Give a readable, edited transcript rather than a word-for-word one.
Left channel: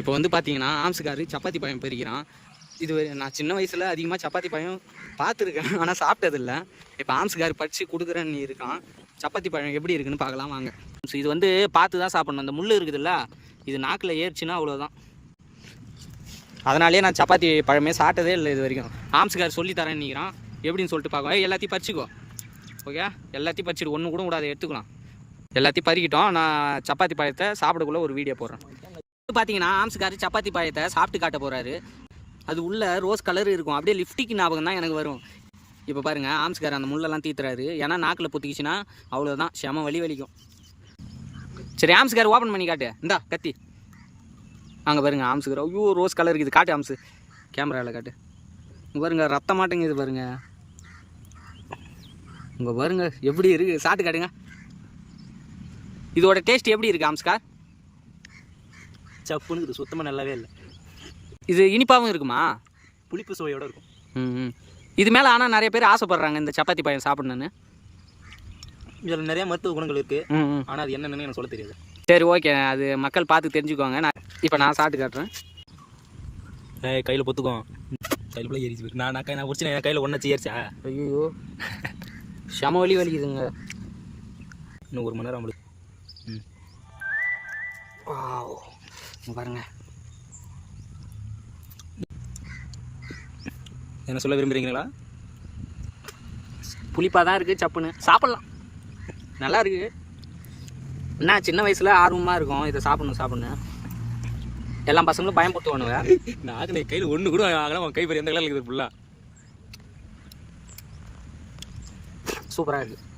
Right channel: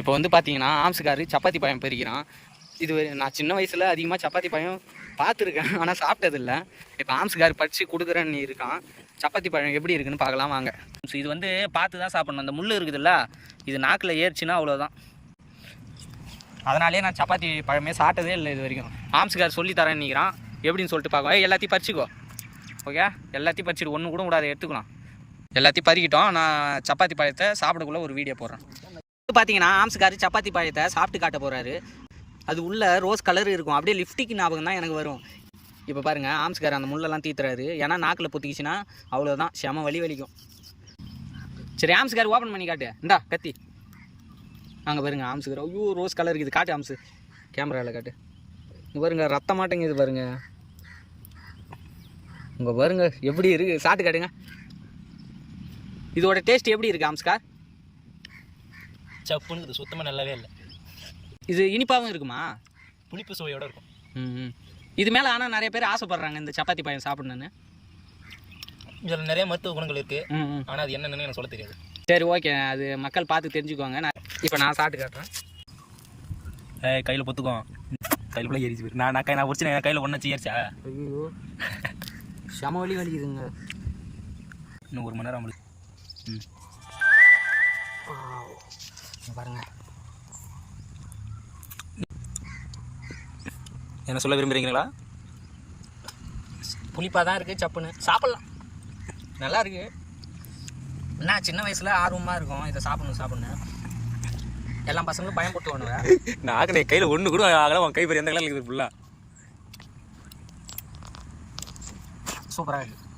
இப்போ வந்து பார்த்தீங்கன்னா ஆம்ஸுக்காரு சப்பாத்தி பழம் பறிக்கிறான். இது நான் சின்ன வயசில் அதிகமாக சப்பாத்தி பழம் பார்த்துருக்கேன், ஆனால் சாப்பிட்டதில்லை. இப்போ ஆம்ஸுக்காரு பறித்து கொடுக்குறேன்னு இருக்கான். சப்பாத்தி பழம் எப்படி இருக்குன்னு பார்க்கலாம் வாங்க. இது வந்து பார்த்து தான் சாப்பிட்ணும். அந்த முள் இருக்குதுல்ல, இது நாக்கில் ஏறிச்சுன்னா அவ்வளோதான். அதனாலே நான் சப்பாத்தி பழமே சாப்பிட்டதே இல்லை இது வரைக்கும். ஆம்ஸுக்கார் சொல்லி தரேன்னு நிற்கிறான், எப்படின்னு சொல்லிட்டு பார்க்கலாம். எல்லாத்தையும் பறிச்சிக்கோ, ஓகே? எல்லாத்தையும் பறிச்சிட்டு ஒன்று கூட விடாத எடுத்துக்கலாம். எல்லாத்தையும் பறிக்கிட்டோம். நான் சப்பாத்தி பழத்தை சாப்பிடக்குள்ளே ஒரு வீடியோ போடுறேன். பார்த்தீங்கன்னா ஆம்ஸுக்காரு சப்பாத்தி பழத்தை சாப்பிட்டு காட்ட போகிறாரு. அது உள்ள ரோஸ் கலர் இருக்கும், அப்படியே லிப்டிக் ஞாபகம் தான் எனக்கு வரும். இப்போ பாருங்கள், ஆம்ஸுக்காரு அந்த முள்ளெல்லாம் தீத்துறாரு. ஏன்னா நாக்கில் பொத்திக்கிச்சுன்னா அவ்வளோதான், செம வலிக்கும். சரி, ஆம்ஸுக்காரு ஓப்பன் பண்ணி காட்டு. இந்தா கத்தி. அங்கே பாருங்கள் ஆம்ஸுக்காரு. ஐயோ, ரோஸ் கலர் இருக்குது. காட்டு ஆம்ஸு, கேமராவில் காட்டு. இங்கே பாருங்க, ரத்த மாட்டேங்குது பாருங்க. இங்கே பாருங்க எப்படி இருக்குது, சாப்பிட்டு காட்டுங்க. இதோட டேஸ்ட் எப்படி இருக்குது ஆம்ஸ்கார்? சப்புன்னு இது சுத்தமாக நல்லாவே இல்லை. இது இனிப்பாகவும் இருக்குமா? புளிப்பு சுவையோடு இருக்கும். இது மேலே ஆனால் நிறைய பேர் ஆசைப்படுறாங்க இந்த சப்பாத்தி பழம் சாப்பிடணுன்னு. இதில் நிறைய மருத்துவ குணங்கள் இருக்குது, ஆனால் அது என்னென்னு எனக்கு சொல்ல தெரியாது. சரி, ஓகே, அது மக்கள் பார்த்து தெரிஞ்சுக்குவாங்க. இப்போ நான் சாப்பிட்டு காட்டுறேன். கையில் பொத்துக்கும், கையில் கூட ஏறிச்சு போயிரு. நான் பிடிச்சி என் கையில் ஒன்றாச்சு ஏறிச்சா. ஐயோ, செம வலிக்குதுங்க. இன்னும் 1 மணி நேரம் நம்மளுக்கு. பாருங்க, என்ன சொல்ல விரும்புகிறீங்களா? புளிப்பாக தான் இருக்குது, சப்புன்னு சாப்பிட்லாம், நல்லா இருக்குது. என்ன சின்ன வயசில் ஆர்வமாக இருக்கும் இதை சாப்பிடணும். எல்லா பசங்களும் பயன்படுத்துவானுங்க. நான் என் கையில் ஒன்று கூட ஆகலாம். உன் கை பெரிய எந்த கலரில் இருக்குது ஃபுல்லாக. சூப்பராக இருக்குது.